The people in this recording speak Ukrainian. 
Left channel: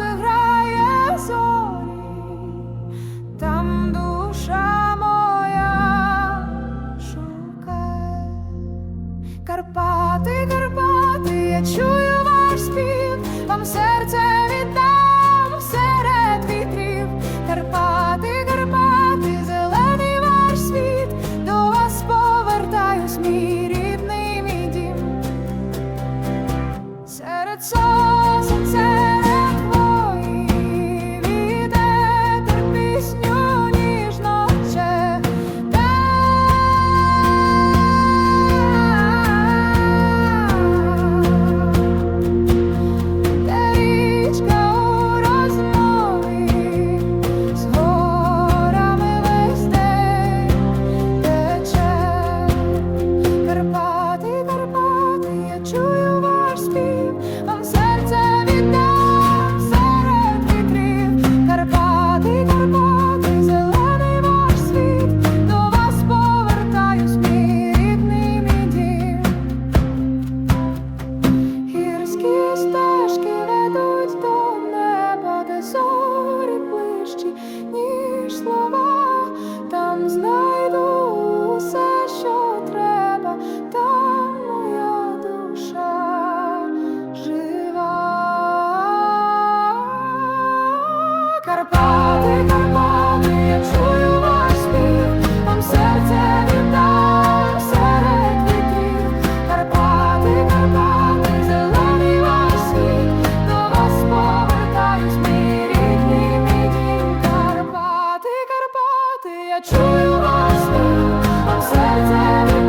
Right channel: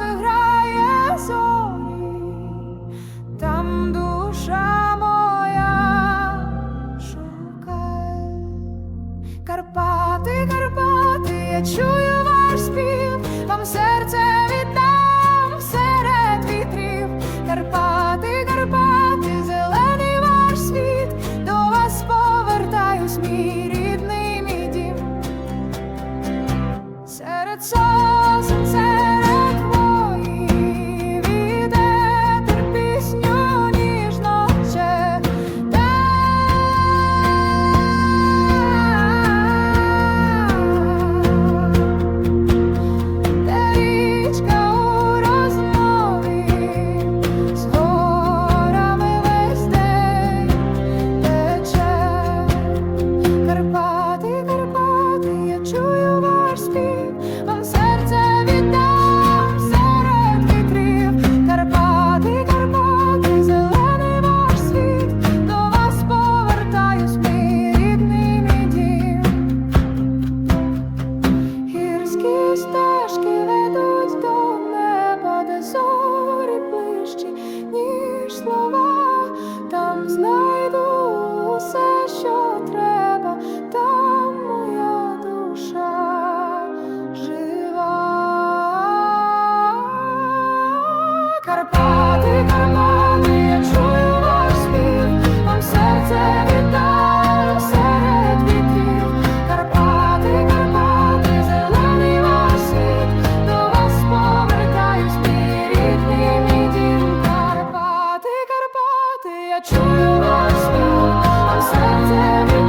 сонце грає зорі, там душа моя шукає Карпати, Карпати, я чую ваш спів, вам серце віддам серед вітрів Карпати. Карпати, Карпати, я чую ваш спів, вам серце віддам серед вітрів, Карпати, Карпати, зелений ваш світ, до вас повертаюсь, мій рідний мій дім. Гірські стежки ведуть до неба, де зорі плищі. Треба, там моя душа жива. Карпати, Карпати, я чую ваш спів, вам серце віддам серед вітрів. Карпати, Карпати, зелений ваш світ, до вас повертаюсь, мій рідний мій дім. Карпати, Карпати, я чую ваш спів, вам серце віддам